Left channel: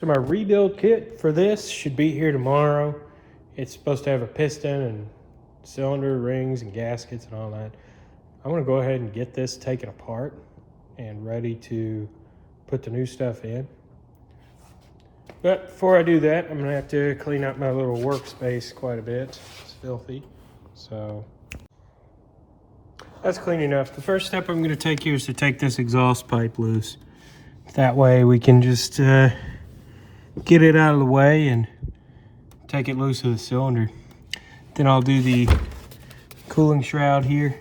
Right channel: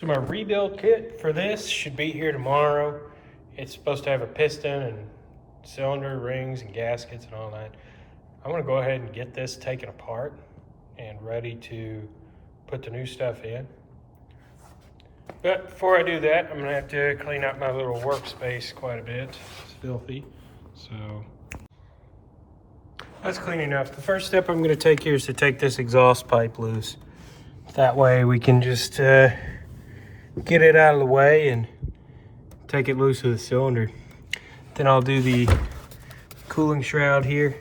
So my rebuild kit for this should be here tomorrow. It's supposed to have a piston and cylinder rings and gaskets and all that. I'm gonna go ahead and get this taken apart and ready to put the new stuff in. But before I do that, I'm gonna have to clean up my little workspace quite a bit. It's filthy, so that's clean enough. The first step I'm gonna take here is to take this exhaust pipe loose. That way we can just get it out of the way and take it loose of the cylinder. Then I'll do the cooling shroud here.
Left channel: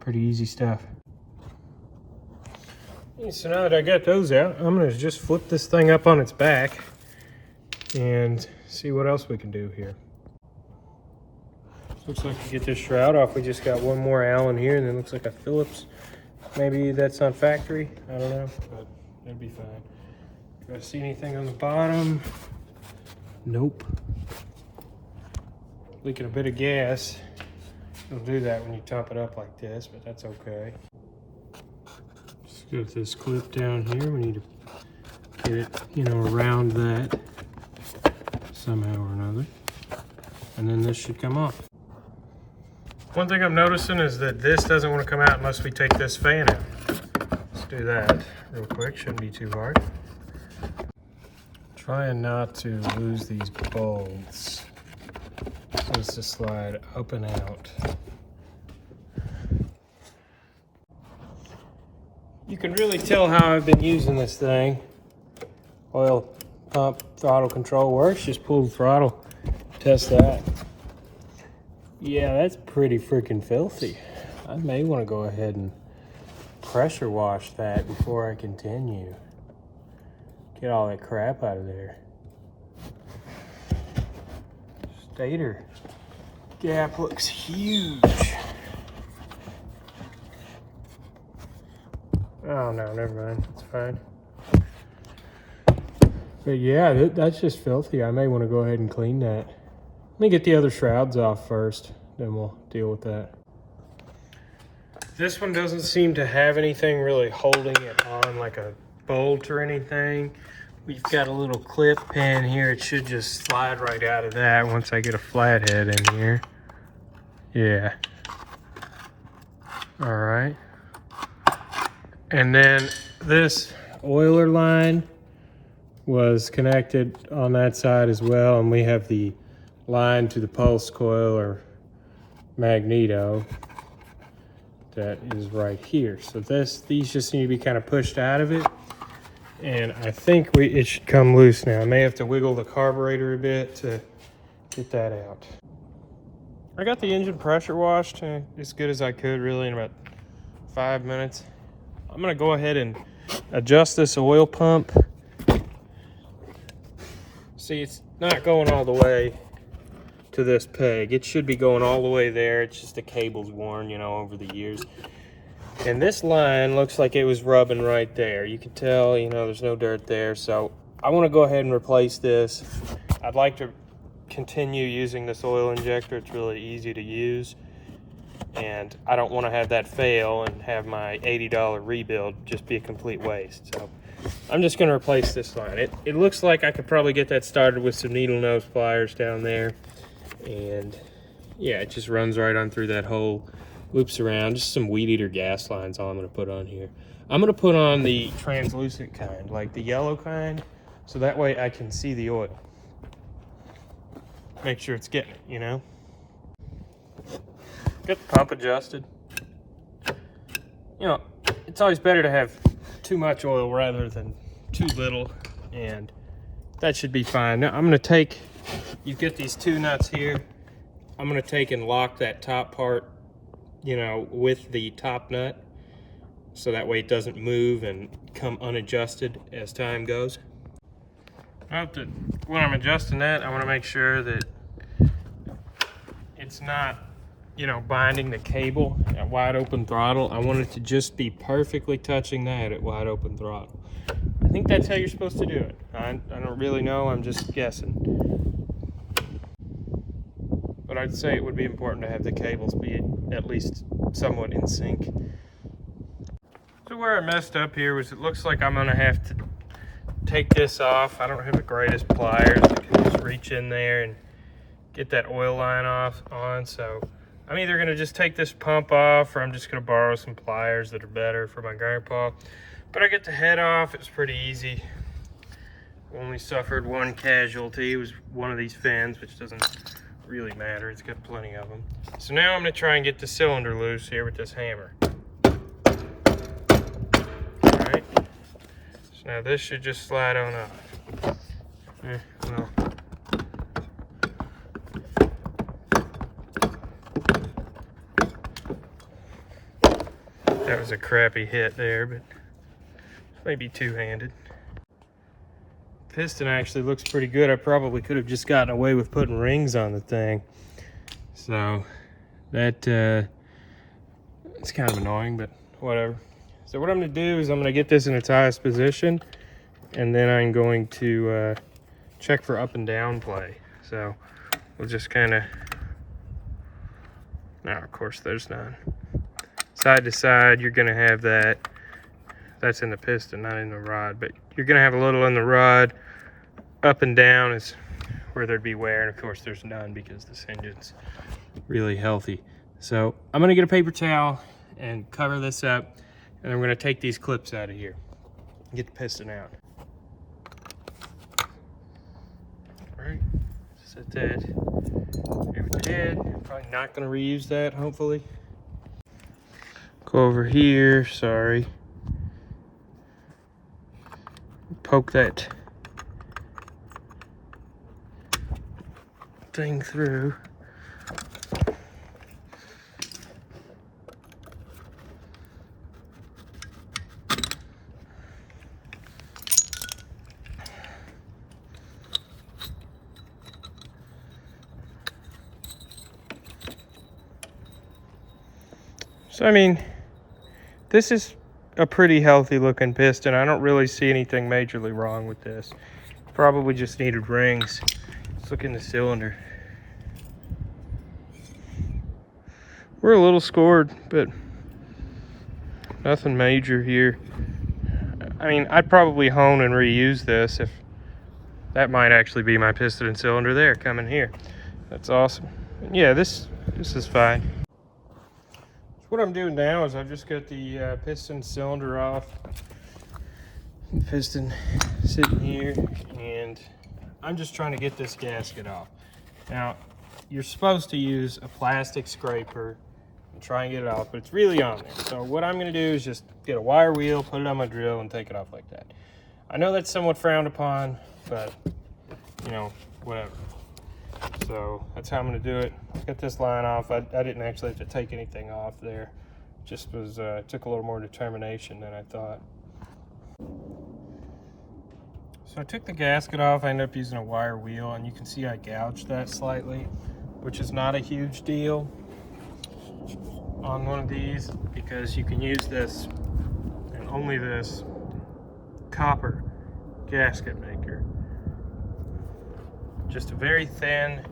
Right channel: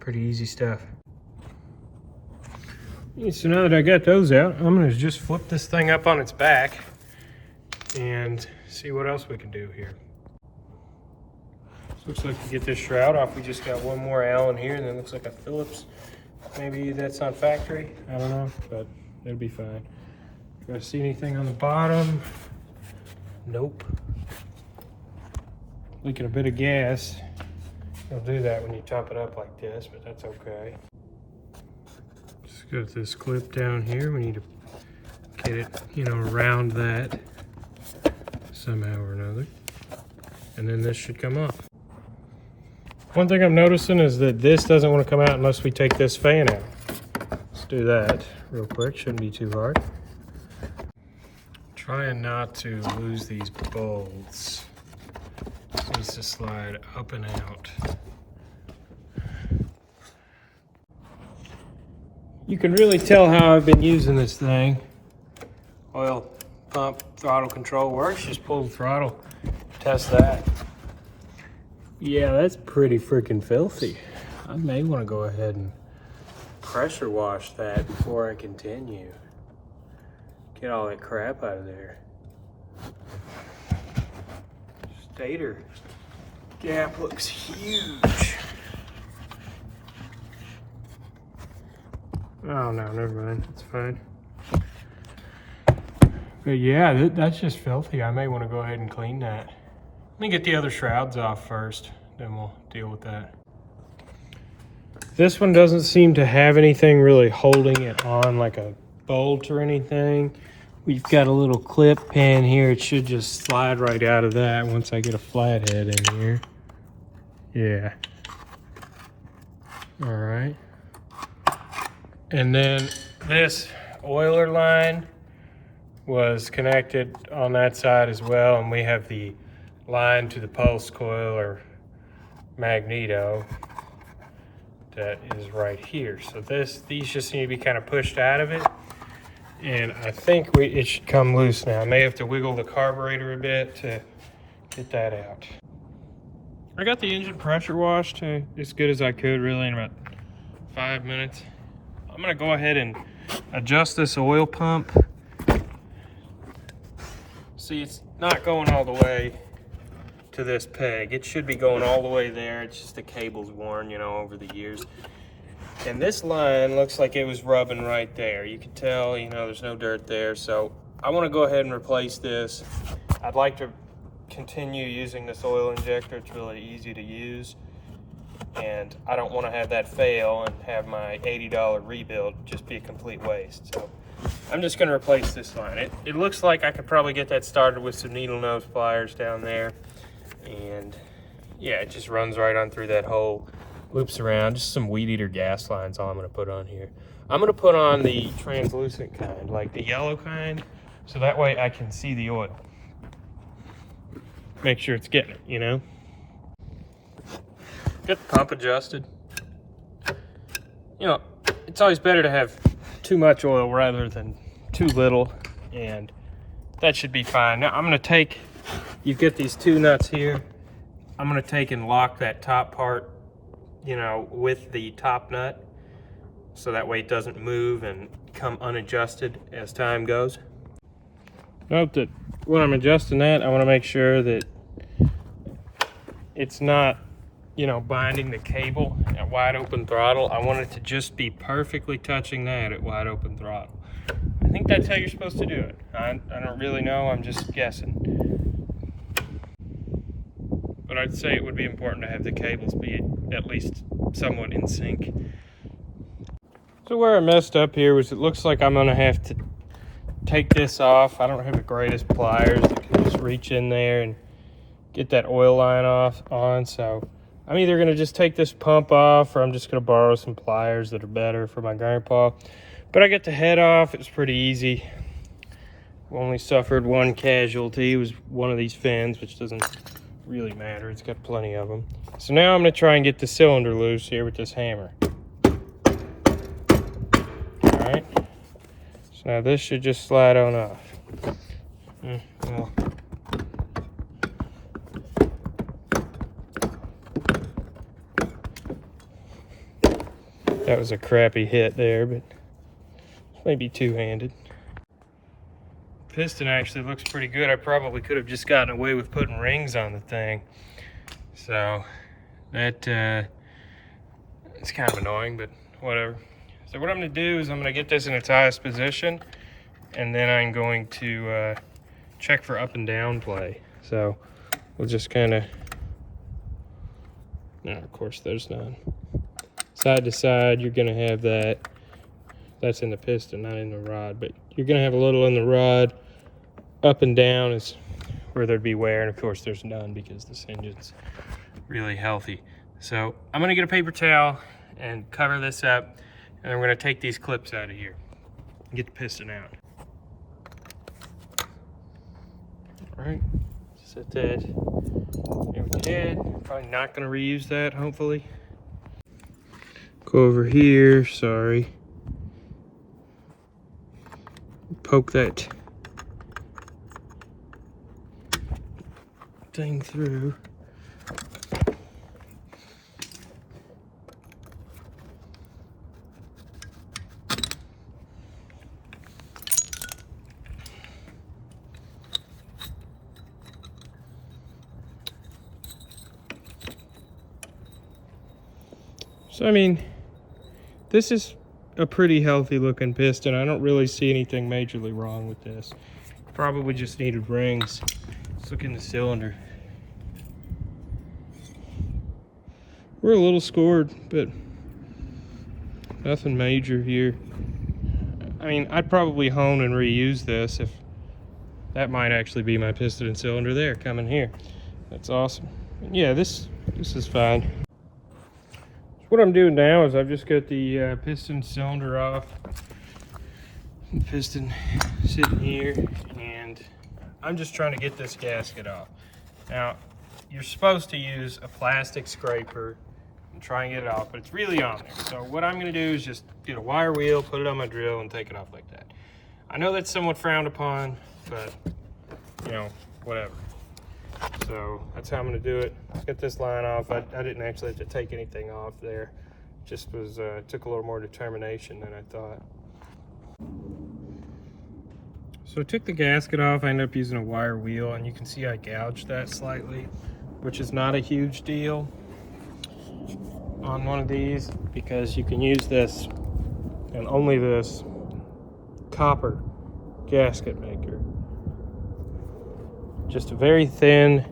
Pretty easy stuff. So now that I got those out, I'm gonna just flip this thing up on its back and see what else we can do here. Looks like to get this shroud off, we just got one more Allen here, and then looks like a Phillips. Maybe that's on factory, I don't know, but that'd be fine. Do I see anything on the bottom? Nope. Leaking a bit of gas. It'll do that when you top it up like this, but that's okay. Just got this clip down here. We need to get it, around that somehow or another. And then this should come off. One thing I'm noticing is that this doesn't want to come out unless we take this fan out. Let's do that real quick. Shouldn't be too hard. Trying not to lose these bolts. So it's to slide up and out. You can really tell how I've been using this thing. Oil pump, throttle control works. Just pull the throttle, test that. Yeah, that's pretty freaking filthy. I may want to go ahead and pressure wash that before I continue. Get all that crap out of there. Stator gap looks huge. Oh no, never mind, it's fine. But yeah, that's just filthy. I may want to go ahead and clean that. Let me get the other shrouds off first, then we'll deal with that. This one doesn't seem to have anything really holding it on, like a bolt or anything. We've got a little clip pin here. It should just slide right out of that once I get a flathead in here. Yeah. All right. And then this oiler line was connected on that side as well, and we have the line to the pulse coil or magneto that is right here. So these just need to be kind of pushed out of it, and I think it should come loose now. I may have to wiggle the carburetor a bit to get that out. I got the engine pressure washed as good as I could, really, in about 5 minutes. I'm gonna go ahead and adjust this oil pump. See, it's not going all the way to this peg. It should be going all the way there. It's just the cable's worn, over the years. And this line looks like it was rubbing right there. You can tell, there's no dirt there. So I want to go ahead and replace this. I'd like to continue using this oil injector. It's really easy to use. And I don't want to have that fail and have my $80 rebuild just be a complete waste. So I'm just going to replace this line. It looks like I could probably get that started with some needle nose pliers down there. And yeah, it just runs right on through that hole, loops around. Just some weed eater gas lines, all I'm going to put on here. I'm going to put on the translucent kind, like the yellow kind, so that way I can see the oil. Make sure it's getting it, Get the pump adjusted. It's always better to have too much oil rather than too little, and that should be fine. Now I'm going to take, you get these two nuts here. I'm going to take and lock that top part, with the top nut, so that way it doesn't move and come unadjusted as time goes. Note that when I'm adjusting that, I want to make sure that it's not, binding the cable at wide open throttle. I want it to just be perfectly touching that at wide open throttle. I think that's how you're supposed to do it. I don't really know, I'm just guessing. But I'd say it would be important to have the cables be at least somewhat in sync. So where I messed up here was, it looks like I'm gonna have to take this off. I don't have the greatest pliers to just reach in there and get that oil line on, so I'm either gonna just take this pump off, or I'm just gonna borrow some pliers that are better for my grandpa. But I get the head off. It's pretty easy. Only suffered one casualty. It was one of these fins, which doesn't really matter. It's got plenty of them. So now I'm gonna try and get the cylinder loose here with this hammer. All right. So now this should just slide on off. Well. That was a crappy hit there, but maybe two-handed. Piston actually looks pretty good. I probably could have just gotten away with putting rings on the thing. So that it's kind of annoying, but whatever. So what I'm gonna do is I'm gonna get this in its highest position, and then I'm going to check for up and down play. So we'll just kind of, now of course there's none. Side to side, you're gonna have that. That's in the piston, not in the rod, but you're gonna have a little in the rod. Up and down is where there'd be wear, and of course there's none because this engine's really healthy. So I'm gonna get a paper towel and cover this up, and then we're gonna take these clips out of here and get the piston out. All right, set that overhead. Probably not gonna reuse that, hopefully. Go over here, sorry. Poke that thing through. So I mean, this is a pretty healthy looking piston. I don't really see anything majorly wrong with this. Probably just needed rings. Let's look in the cylinder. We're a little scored, but nothing major here. I mean, I'd probably hone and reuse this. If that might actually be my piston and cylinder there coming here. That's awesome. Yeah, this is fine. What I'm doing now is I've just got the piston cylinder off. The piston sitting here, and I'm just trying to get this gasket off. Now, you're supposed to use a plastic scraper and try and get it off, but it's really on there. So what I'm gonna do is just get a wire wheel, put it on my drill, and take it off like that. I know that's somewhat frowned upon, but you know, whatever. So that's how I'm gonna do it. Get this line off. I didn't actually have to take anything off there. Just was took a little more determination than I thought. So I took the gasket off. I ended up using a wire wheel, and you can see I gouged that slightly, which is not a huge deal on one of these, because you can use this and only this copper gasket maker. Just a very thin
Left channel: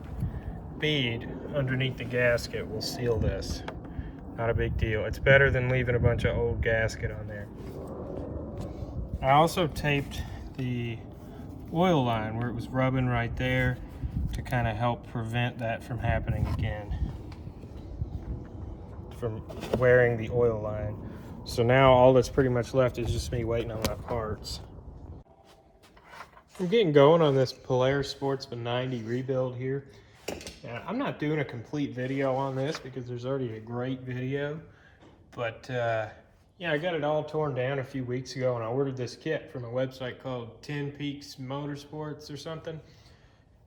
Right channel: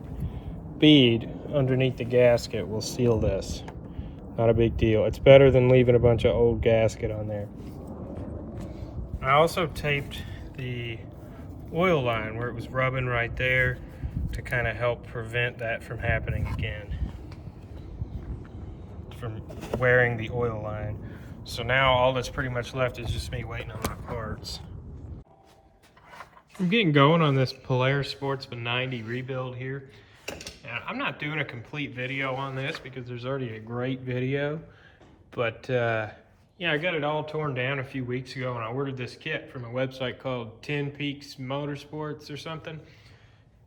bead underneath the gasket will seal this. Not a big deal. It's better than leaving a bunch of old gasket on there. I also taped the oil line where it was rubbing right there to kind of help prevent that from happening again, from wearing the oil line. So now all that's pretty much left is just me waiting on my parts. I'm getting going on this Polaris Sportsman 90 rebuild here. Now, I'm not doing a complete video on this because there's already a great video, but yeah, I got it all torn down a few weeks ago, and I ordered this kit from a website called 10 Peaks Motorsports or something,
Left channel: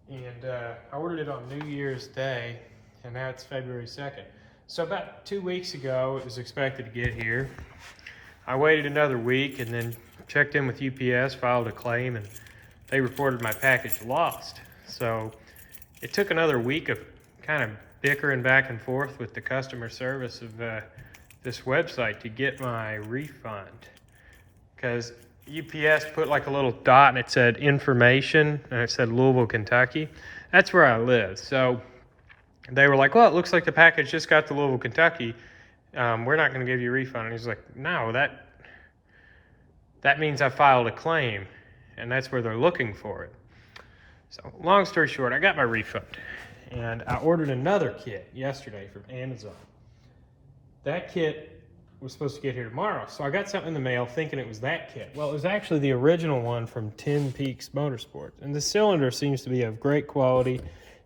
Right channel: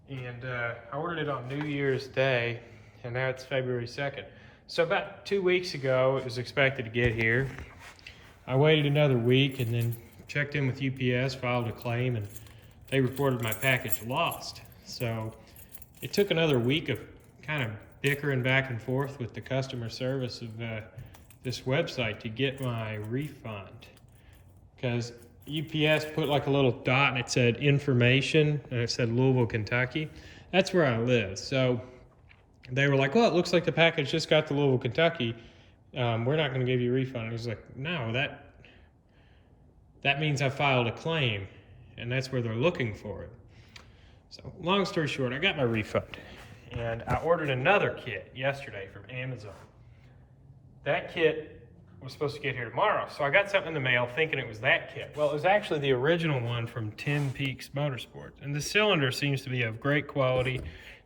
and I ordered it on New Year's Day, and now it's February 2nd. So about 2 weeks ago, it was expected to get here. I waited another week and then checked in with UPS, filed a claim, and they reported my package lost. So it took another week of kind of bickering back and forth with the customer service of this website to get my refund, because UPS put like a little dot and it said information, and it said Louisville, Kentucky. That's where I live. So they were like, well, it looks like the package just got to Louisville, Kentucky. We're not going to give you a refund. And he's like, no, that means I filed a claim. and that's where they're looking for it. So long story short, I got my refund, and I ordered another kit yesterday from Amazon. That kit was supposed to get here tomorrow, so I got something in the mail thinking it was that kit. Well, it was actually the original one from Tin Peaks Motorsports, and the cylinder seems to be of great quality.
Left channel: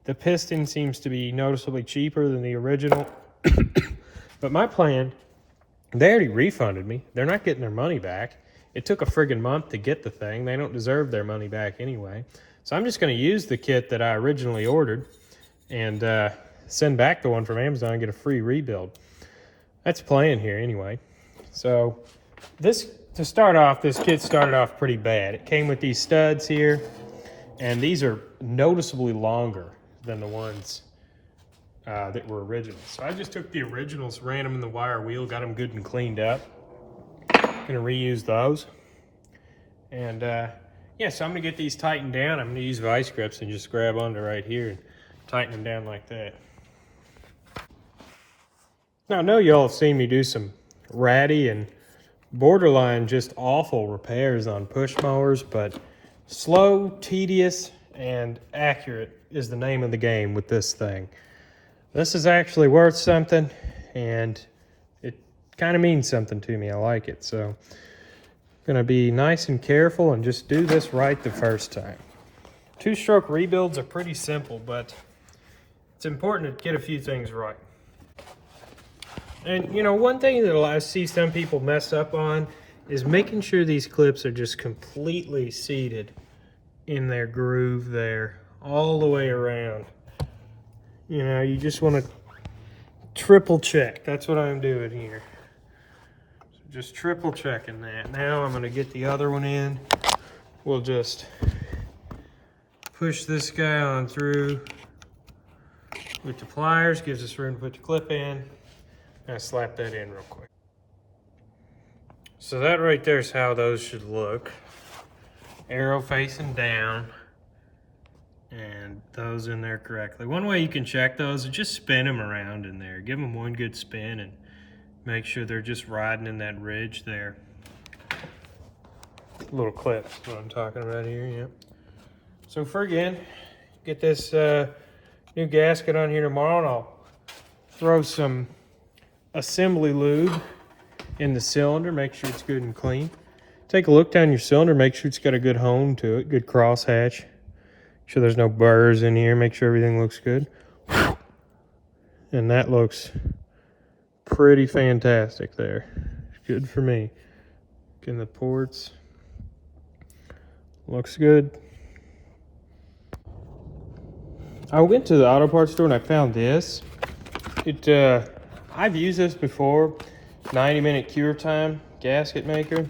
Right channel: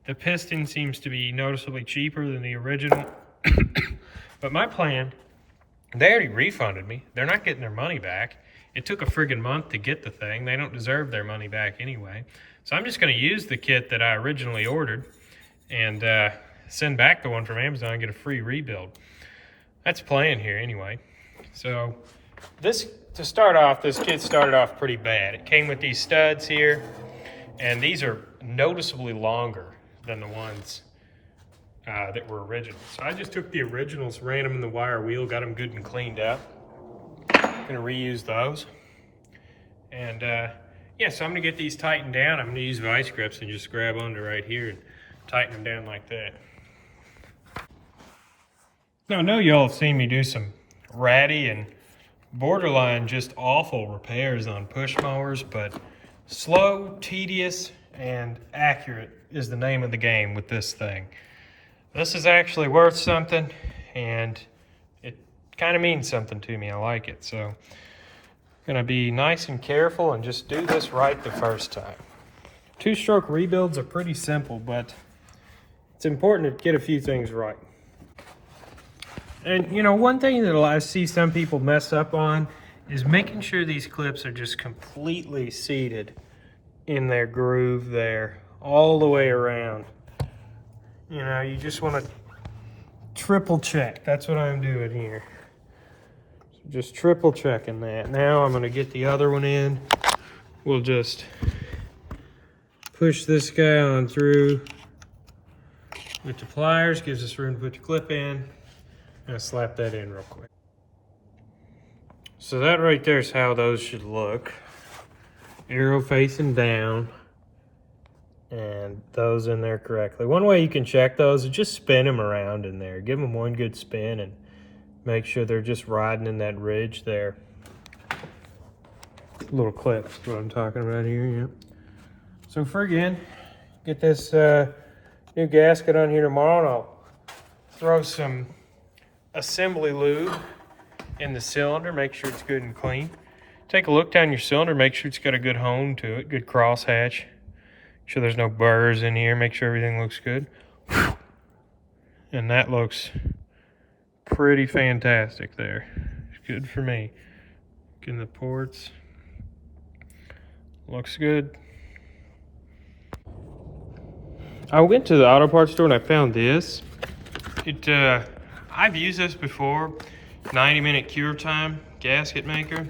The piston seems to be noticeably cheaper than the original. But my plan, they already refunded me. They're not getting their money back. It took a friggin' month to get the thing. They don't deserve their money back anyway. So I'm just gonna use the kit that I originally ordered and send back the one from Amazon and get a free rebuild. That's the plan here anyway. So to start off, this kit started off pretty bad. It came with these studs here, and these are noticeably longer than the ones that were original. So I just took the originals, ran them in the wire wheel, got them good and cleaned up. Gonna reuse those. And yeah, so I'm gonna get these tightened down. I'm gonna use vice grips and just grab onto right here and tighten them down like that. Now I know y'all have seen me do some ratty and borderline just awful repairs on push mowers, but slow, tedious, and accurate is the name of the game with this thing. This is actually worth something, and it kind of means something to me. I like it, so I'm gonna be nice and careful and just do this right the first time. Two-stroke rebuilds are pretty simple, but it's important to get a few things right. And you know, one thing that I see some people mess up on is making sure these clips are just completely seated in their groove there, all the way around. You know, you just want to triple check. That's what I'm doing here. So just triple checking that. Now I'm going to get the other one in. We'll just push this guy on through with the pliers. Gives us room to put the clip in. I'll slap that in real quick. So that right there is how those should look. Arrow facing down. And those in there correctly. One way you can check those is just spin them around in there. Give them one good spin and make sure they're just riding in that ridge there. Little clip, what I'm talking about here, yeah. So friggin', get this new gasket on here tomorrow, and I'll throw some assembly lube in the cylinder, make sure it's good and clean. Take a look down your cylinder, make sure it's got a good hone to it, good crosshatch. Make sure there's no burrs in here, make sure everything looks good. And that looks pretty fantastic there. Good for me. Getting the ports. Looks good. I went to the auto parts store and I found this. I've used this before, 90-minute cure time gasket maker,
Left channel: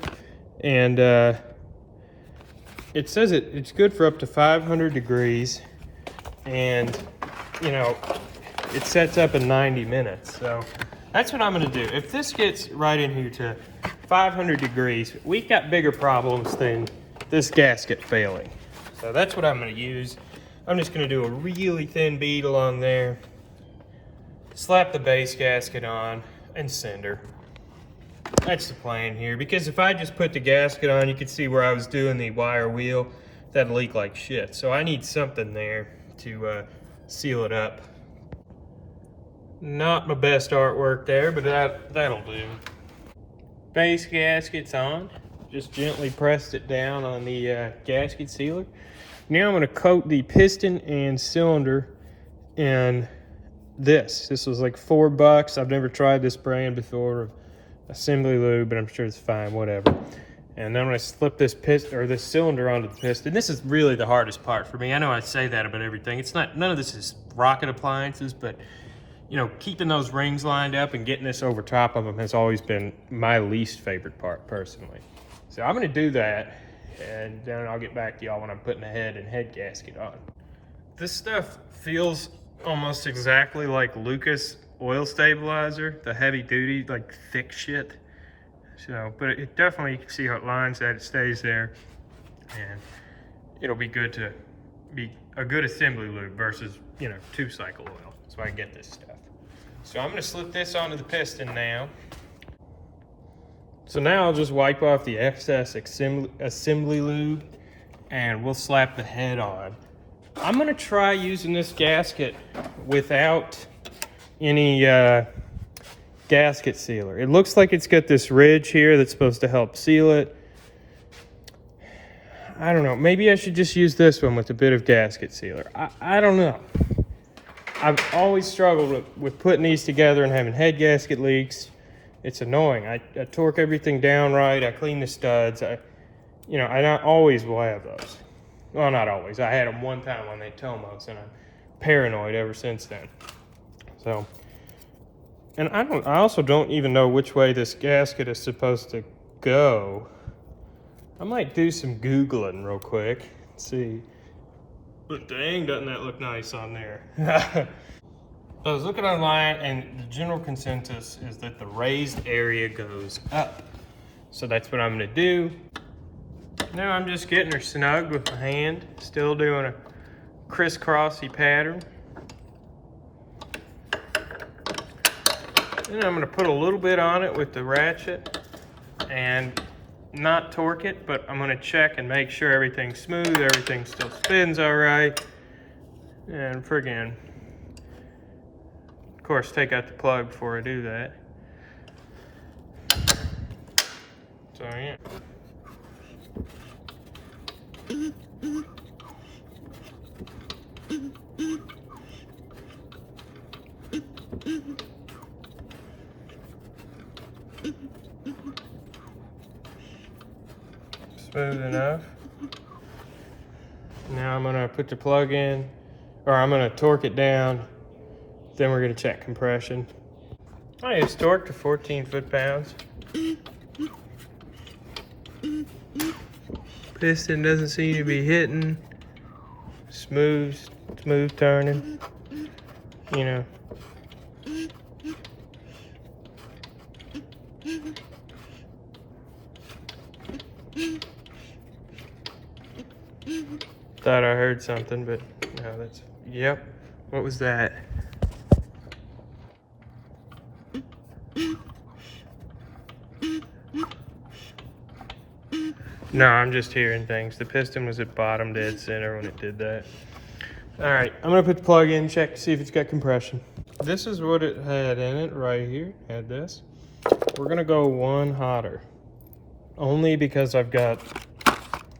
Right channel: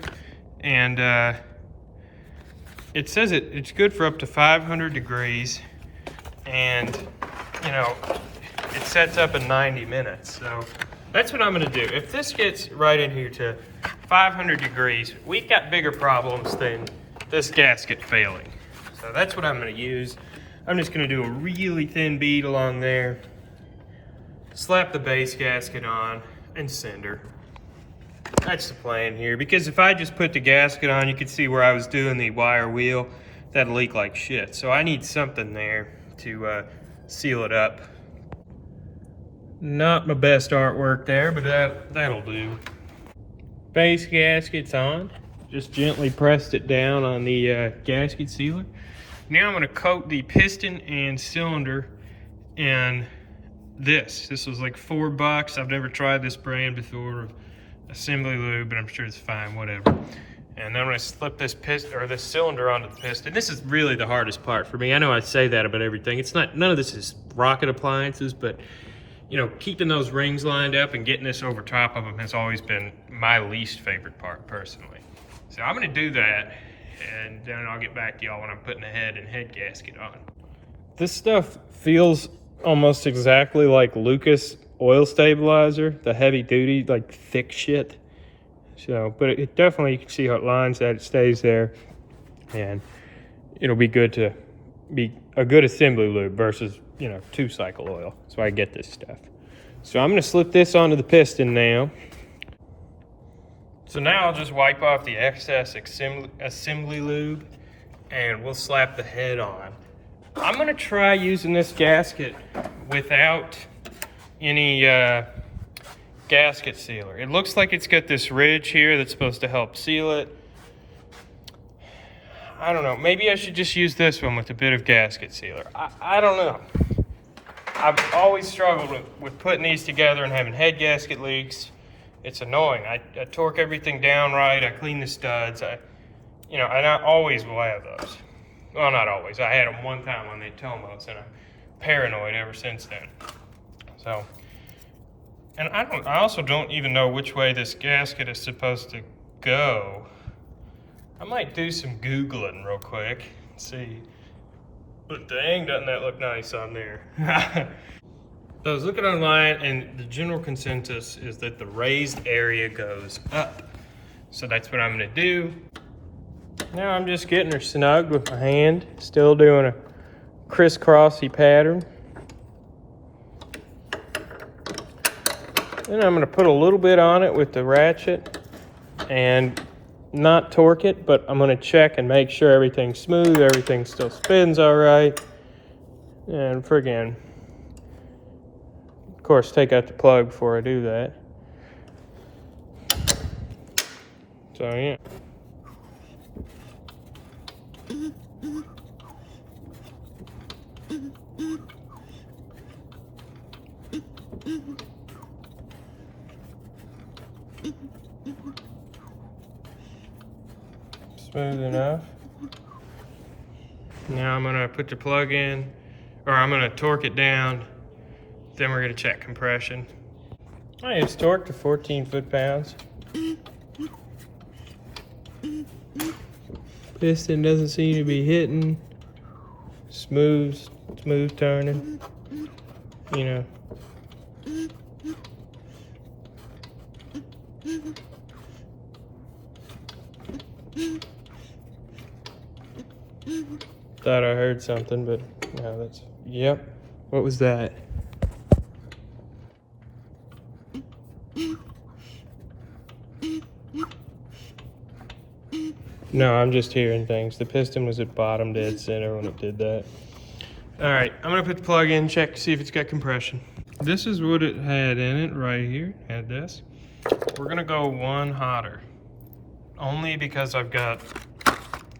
and it says it's good for up to 500 degrees, and you know, it sets up in 90 minutes. So that's what I'm gonna do. If this gets right in here to 500 degrees, we've got bigger problems than this gasket failing. So that's what I'm gonna use. I'm just gonna do a really thin bead along there, slap the base gasket on, and send her. That's the plan here, because if I just put the gasket on, you can see where I was doing the wire wheel, that'd leak like shit. So I need something there to seal it up. Not my best artwork there, but that'll do. Base gasket's on. Just gently pressed it down on the gasket sealer. Now I'm gonna coat the piston and cylinder in this. This was like $4. I've never tried this brand before, assembly lube, but I'm sure it's fine, whatever. And then I'm gonna slip this piston or this cylinder onto the piston. This is really the hardest part for me. I know I say that about everything. It's not, none of this is rocket appliances, but you know, keeping those rings lined up and getting this over top of them has always been my least favorite part personally. So I'm gonna do that, and then I'll get back to y'all when I'm putting the head and head gasket on. This stuff feels almost exactly like Lucas oil stabilizer, the heavy duty, like thick shit. So, but it definitely, you can see how it lines that, it stays there, and it'll be good to be a good assembly lube versus, you know, 2-cycle oil. So I get this stuff. So I'm gonna slip this onto the piston now. So now I'll just wipe off the excess assembly lube and we'll slap the head on. I'm gonna try using this gasket without any gasket sealer. It looks like it's got this ridge here that's supposed to help seal it. I don't know, maybe I should just use this one with a bit of gasket sealer. I don't know. I've always struggled with putting these together and having head gasket leaks. It's annoying. I torque everything down right, I clean the studs. You know, and I always will have those. Well, not always. I had them one time on the Tomos, and I'm paranoid ever since then. So, and I also don't even know which way this gasket is supposed to go. I might do some Googling real quick, see. But dang, doesn't that look nice on there? So I was looking online, and the general consensus is that the raised area goes up. So that's what I'm gonna do. Now I'm just getting her snug with my hand, still doing a crisscrossy pattern. Then I'm gonna put a little bit on it with the ratchet and not torque it, but I'm gonna check and make sure everything's smooth, everything still spins all right. And friggin', of course, take out the plug before I do that. So yeah. Smooth enough. Now I'm gonna put the plug in, or I'm gonna torque it down. Then we're gonna check compression. It's torqued to 14 foot-pounds. Piston doesn't seem to be hitting. Smooth turning. You know. Thought I heard something, but no, that's, yep. What was that? No, I'm just hearing things. The piston was at bottom dead center when it did that. All right, I'm gonna put the plug in, check, see if it's got compression. This is what it had in it right here, had this. We're gonna go one hotter. Only because I've got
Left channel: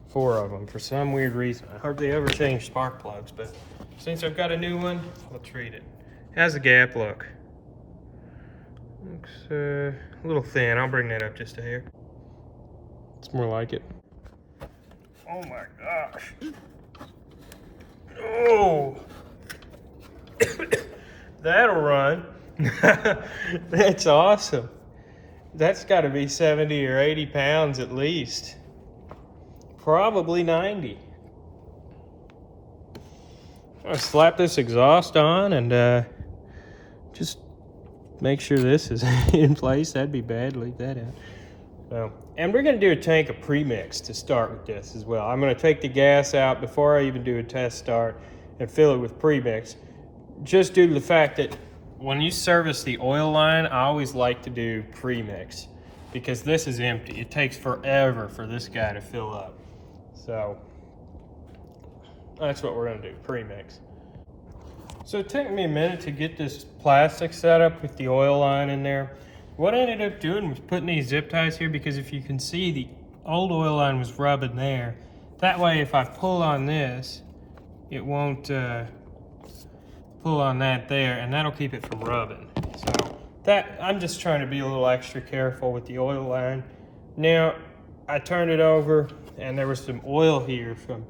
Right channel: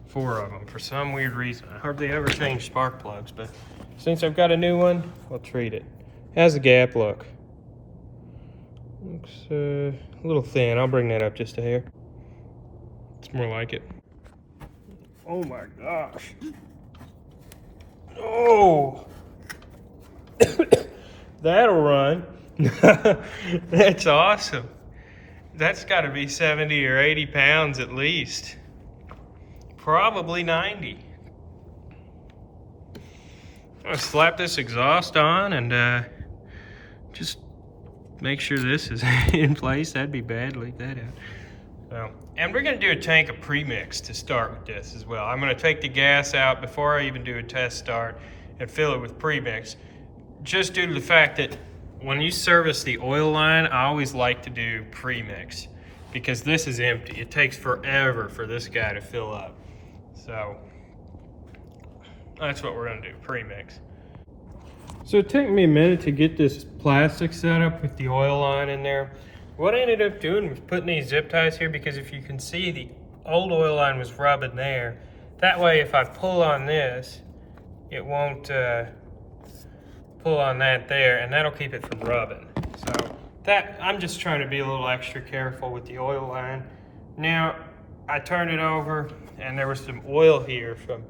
4 of them for some weird reason. I hardly ever change spark plugs, but since I've got a new one, I'll treat it. How's the gap look? Looks a little thin. I'll bring that up just a hair. It's more like it. Oh my gosh. Oh! That'll run. That's awesome. That's got to be 70 or 80 pounds at least. Probably 90. I'll slap this exhaust on and just make sure this is in place. That'd be bad. Leave that out. So, and we're going to do a tank of premix to start with this as well. I'm going to take the gas out before I even do a test start and fill it with premix, just due to the fact that when you service the oil line, I always like to do premix because this is empty. It takes forever for this guy to fill up. So that's what we're going to do, premix. So it took me a minute to get this plastic set up with the oil line in there. What I ended up doing was putting these zip ties here because if you can see, the old oil line was rubbing there. That way if I pull on this, it won't pull on that there, and that'll keep it from rubbing. So that, I'm just trying to be a little extra careful with the oil line. Now, I turned it over and there was some oil here from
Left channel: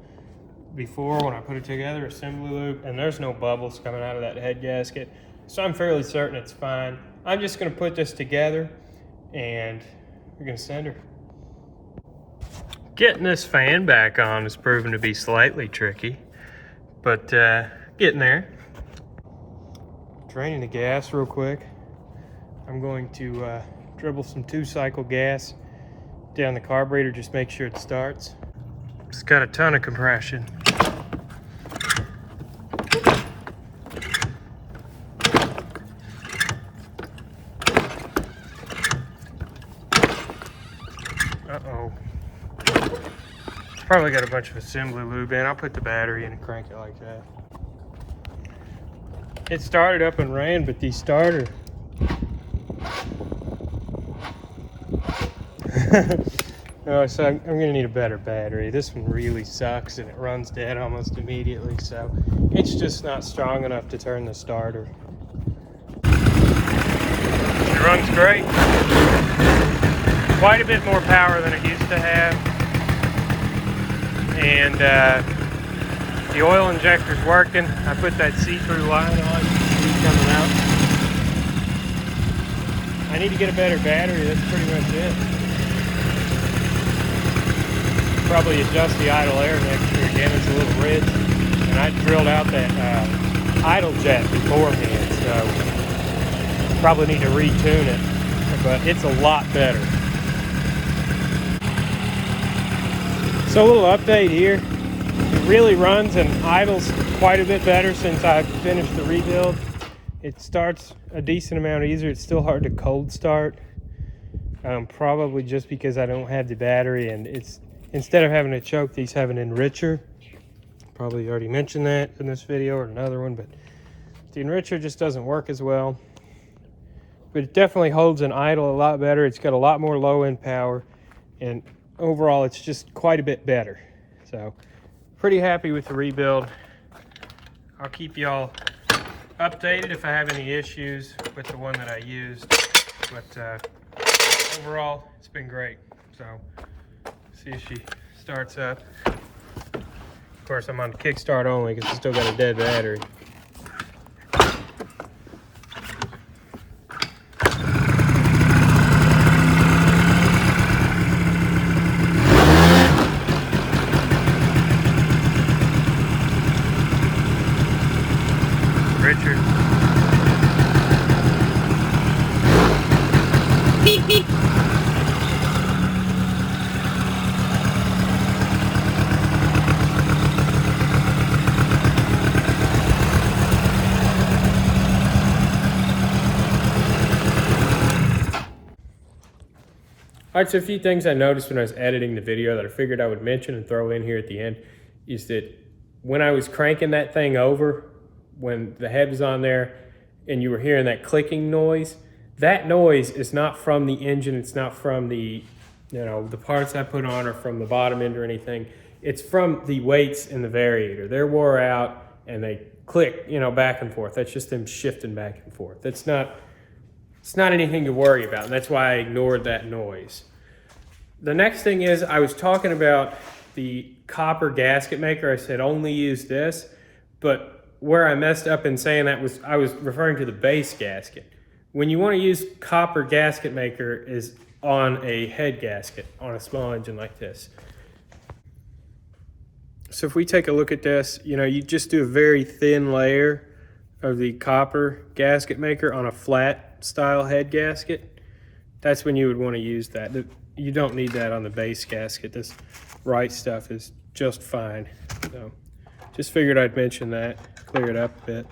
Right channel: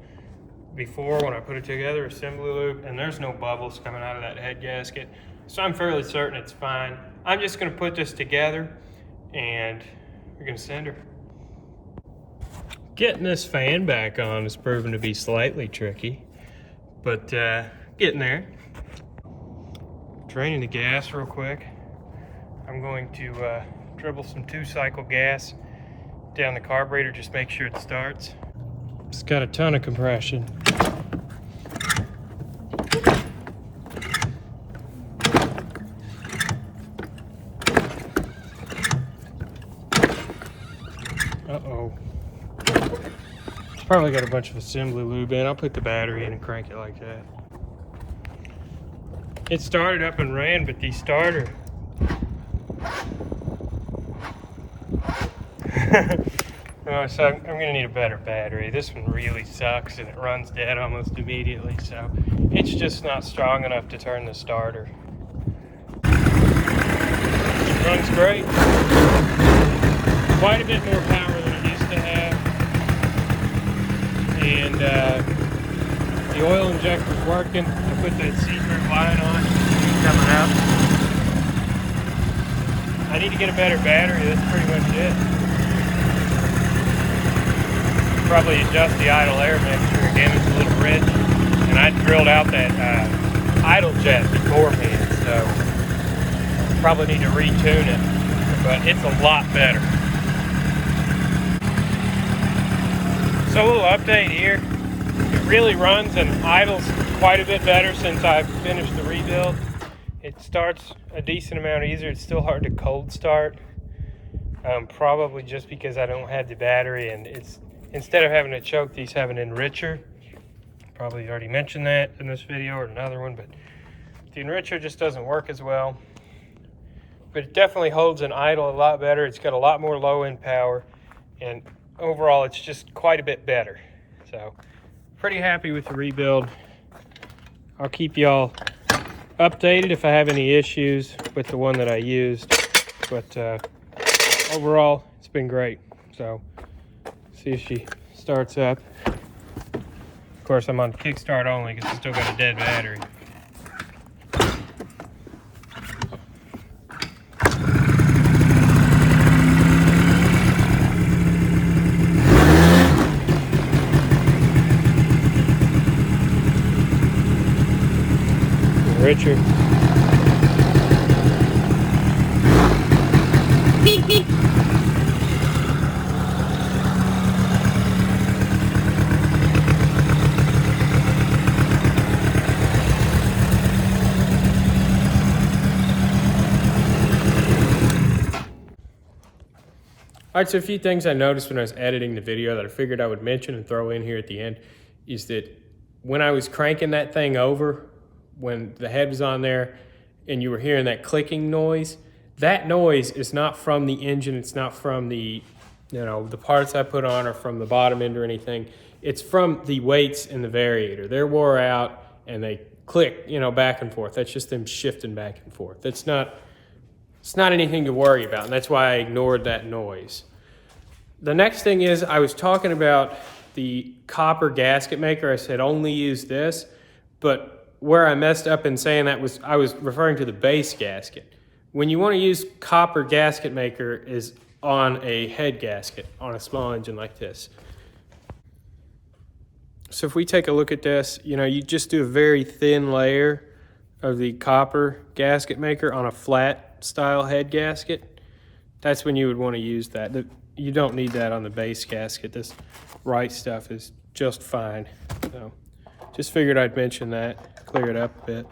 before when I put it together, assembly loop, and there's no bubbles coming out of that head gasket. So I'm fairly certain it's fine. I'm just gonna put this together and we're gonna send her. Getting this fan back on has proven to be slightly tricky, but getting there. Draining the gas real quick. I'm going to dribble some 2-cycle gas down the carburetor, just make sure it starts. It's got a ton of compression. Probably got a bunch of assembly lube in. I'll put the battery in and crank it like that. It started up and ran, but the starter so I'm gonna need a better battery. This one really sucks and it runs dead almost immediately, so it's just not strong enough to turn the starter. It runs great. Quite a bit more power than it used to have. And the oil injector's working. I put that see-through light on. I need to get a better battery. That's pretty much it. Probably adjust the idle air pressure. Damn, it's a little rich. I drilled out that idle jet before this, so probably need to retune it, but it's a lot better. So a little update here. It really runs and idles quite a bit better since I finished the rebuild. It starts a decent amount easier. It's still hard to cold start, probably just because I don't have the battery, and it's, instead of having to choke, these have an enricher. Probably already mentioned that in this video or another one, but the enricher just doesn't work as well. But it definitely holds an idle a lot better. It's got a lot more low end power, and overall it's just quite a bit better. So pretty happy with the rebuild. I'll keep y'all updated if I have any issues with the one that I used, but overall it's been great. So see if she starts up. Of course I'm on kickstart only because it's still got a dead battery. Richard. Alright, so a few things I noticed when I was editing the video that I figured I would mention and throw in here at the end is that when I was cranking that thing over, when the head was on there and you were hearing that clicking noise, that noise is not from the engine. It's not from the, the parts I put on or from the bottom end or anything. It's from the weights in the variator. They're wore out and they click, back and forth. That's just them shifting back and forth. It's not anything to worry about, and that's why I ignored that noise. The next thing is, I was talking about the copper gasket maker. I said only use this, but where I messed up in saying that was, I was referring to the base gasket. When you want to use copper gasket maker is on a head gasket, on a small engine like this. So if we take a look at this, you just do a very thin layer of the copper gasket maker on a flat style head gasket. That's when you would want to use that. You don't need that on the base gasket. This right stuff is just fine. So just figured I'd mention that, clear it up a bit.